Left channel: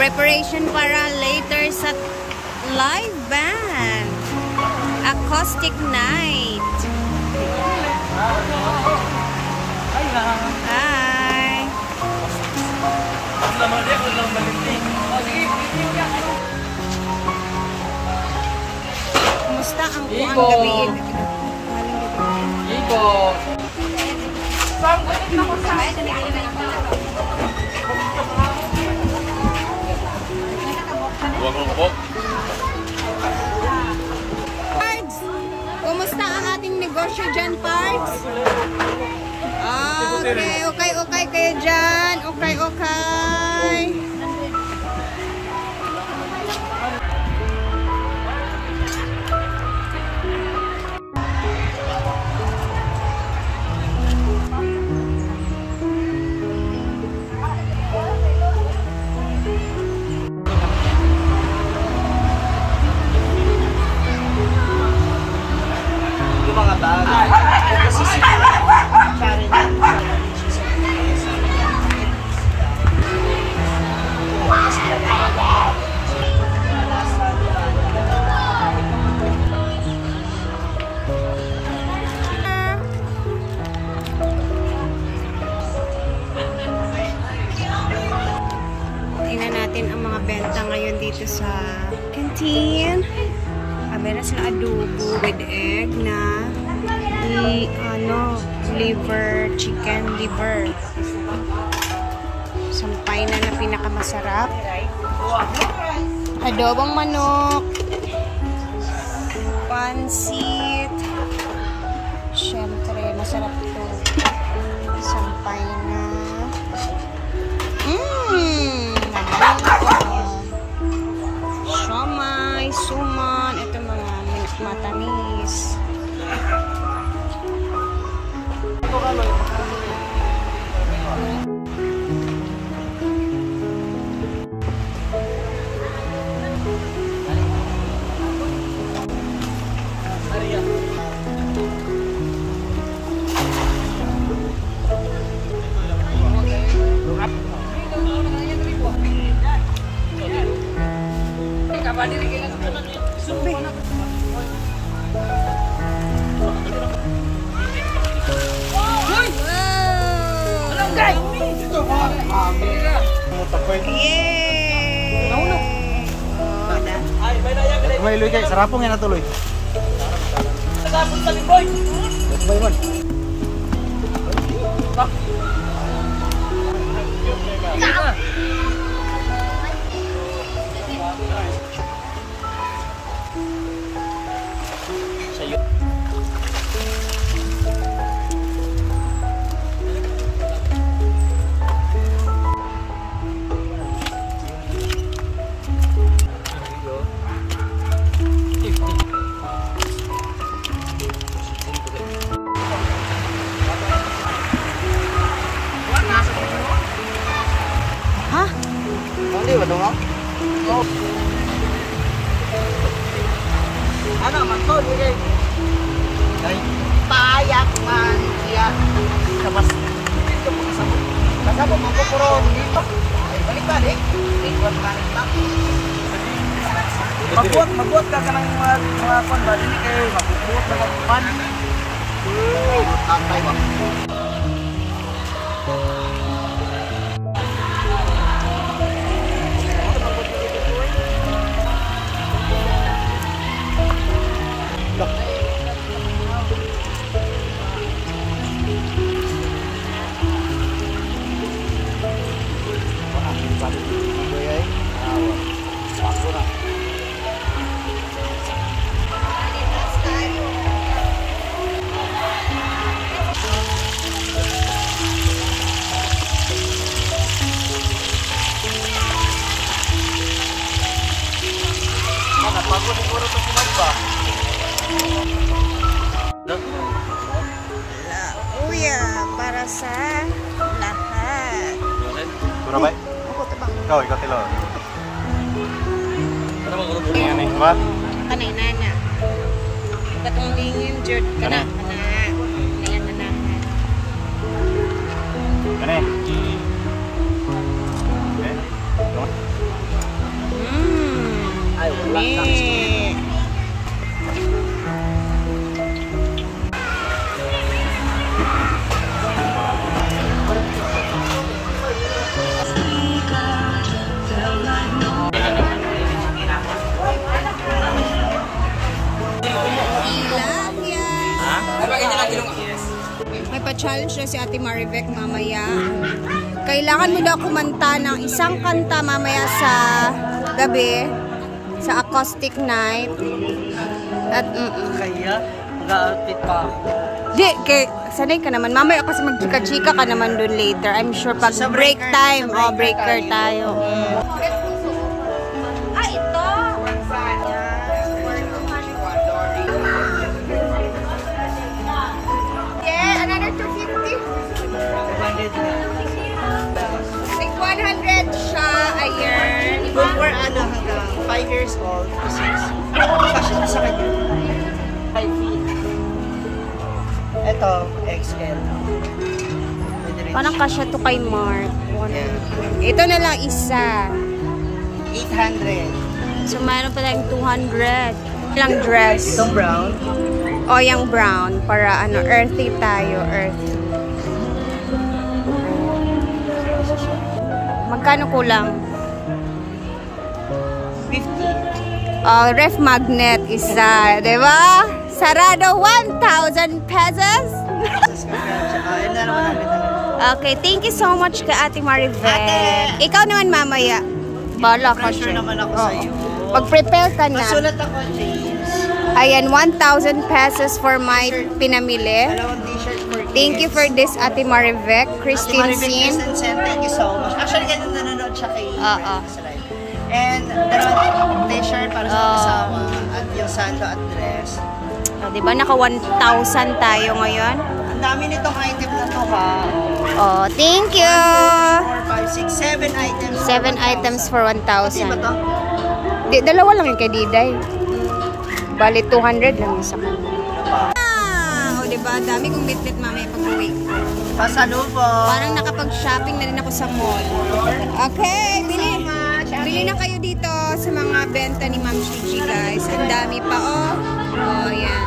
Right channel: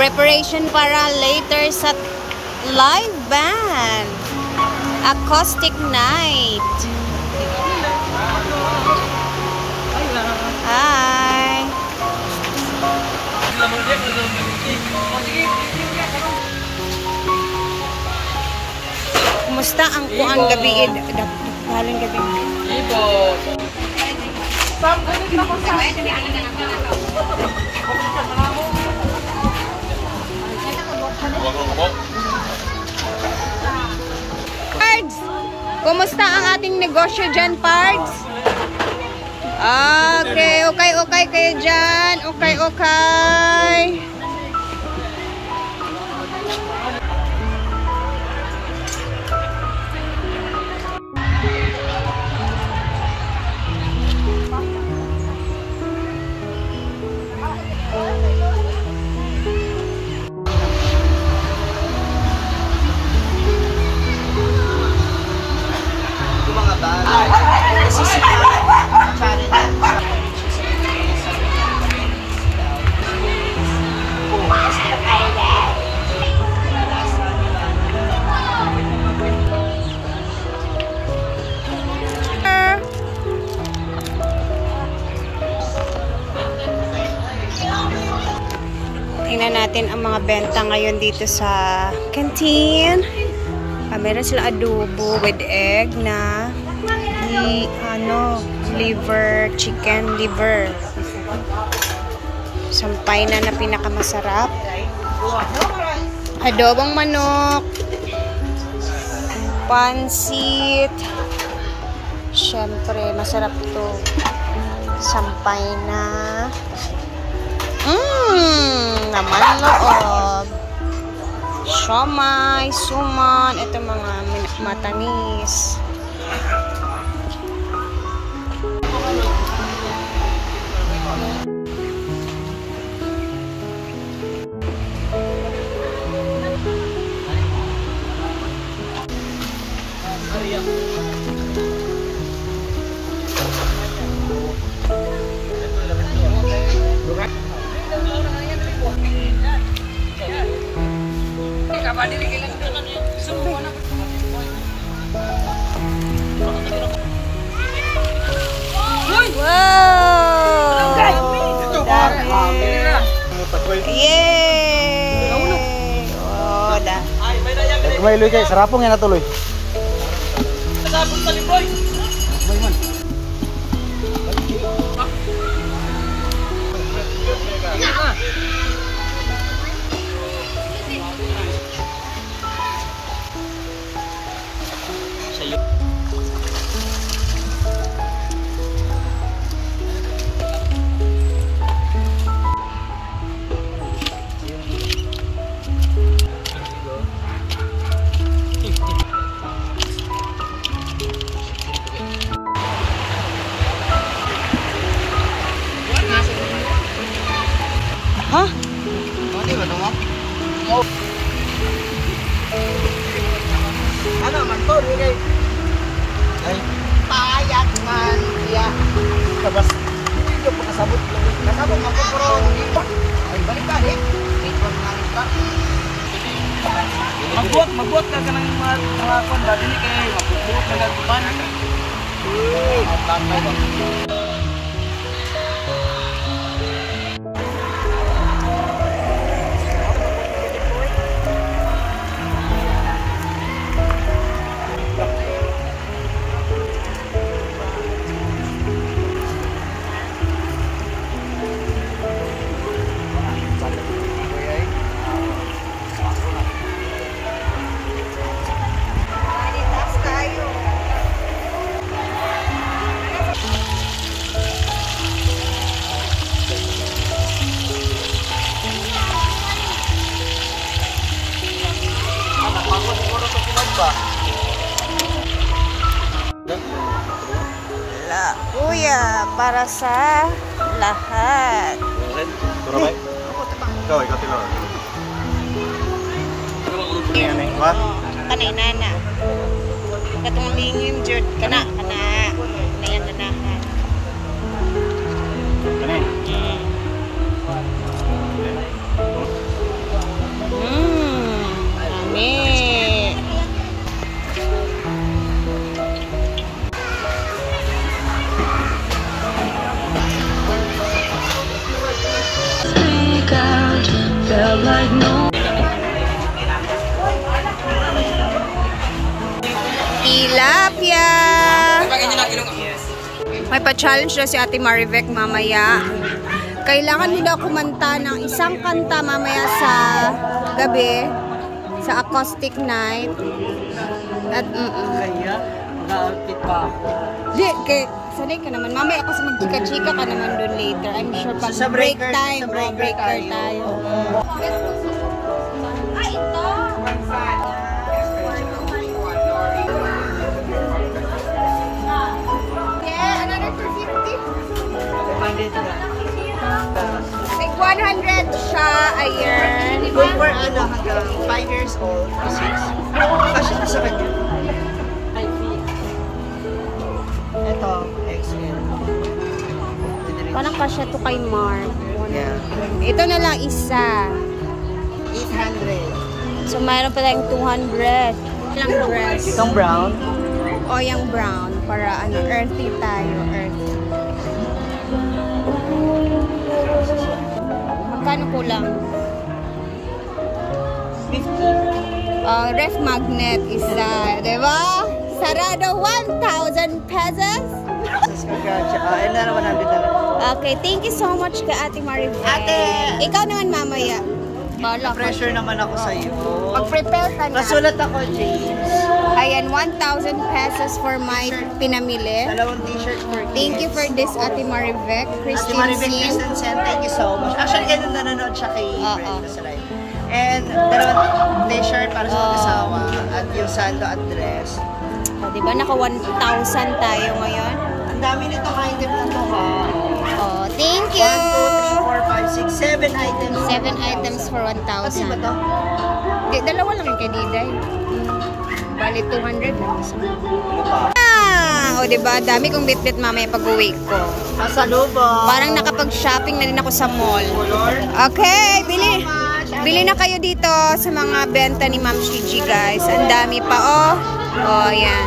Preparation para later sa live band. Acoustic night. Hi. Kumusta ang kuang gabi? Halang gabi. Pards! Kumusta ang ating negosyo dyan, Pards? Okay, okay kayo dyan. Okay. Tingnan natin ang mga benta ngayon dito sa canteen. Meron sila adobo with egg na liver, chicken liver. Sampay na pinakamasarap. Adobong manok. Pansit. Syempre, masarap to. Sampay na. Naman loob. Siomay, suman, ito mga matamis. Tuloy kay sarapong yan natuloy. Sabay man. Hah? Hindi ba tungo? Oh. Ano man to, di kay payak man siya. Tapos ito pakasabot. Kasabot man ko pero hindi pa. Ay balik ka eh. Ikaw nga nita. Magbuot ka kanang mga kwan ba dinhi kay magbuot na gagpan. Matakaw ba? Kuya, para sa lahat. Ako tabang. Ikaw tilaw. Ano ba grupo mo? Kanay nana. Katong lingim jud kana nayang ganahan. Kana. May pa-challenge na si Ate Marivec mamaya. Kailangan mo daw kumanta ng isang kanta mamaya sa gabi, sa acoustic night. At Kaya, mag-outfit pa ako. di, sanay ka naman. Mamaya kasi magchika-chika ka naman dun later. I'm sure pag So, sa break breaker- time, sa breaker tayo. Ah, ito! Yeah, another 250. 500 na. Like 100 siya a year. Good for ano, hanggang 5 years old to 6. Kasi ito sa kanya. 5 feet. Ito, XL. Parang kasya to kay Mark. 100. Ito na lang isa. 800. So, mayroon pa tayong 200. Lang dress. Itong brown. O, yung brown. Para ano, earthy tayo. Earthy. Magkano kulang? 50. Ref magnet isa. Diba? Sarado 1,000 pesos. Ayun na naman natin talaga. Okay, thank you so much kay Ate Marivec. Ate! Ikaw naman mamaya. Bala ka Pressure siya. naman ako sa iyo. Pag-prepare ka na. Masulat ako, James. Ayan, 1,000 pesos for my pinamili. Dalawang t-shirt for kids. Thank you for this, Ate Marivec. Ate Christine Marivec Sin. Christensen, thank you so much. Actually, ganun nanonood siya kay Oo. Brenda sa live. And dalawang t-shirt para sa mag-asawa. At yung sando at dress. O, diba, naka 1,000 tayo ngayon? Ang dami nitong item na to, ha? Oh, thank you! 1, 2, 3, 4, 5, 6, 7 items. 7 items for Pati ba 1,000. to? Di, dalawa lang yung kay Diday. Bali, 200 lang isa. O, diba? Dami kong bitbit mamaya pag-uwi ko. Pasalubong. Parang nakapag-shopping na din ako sa mall. Okay, bili na kayo dito sa mga benta ni Ma'am Shiji, guys. Ang dami pa, oh. Oh, yan.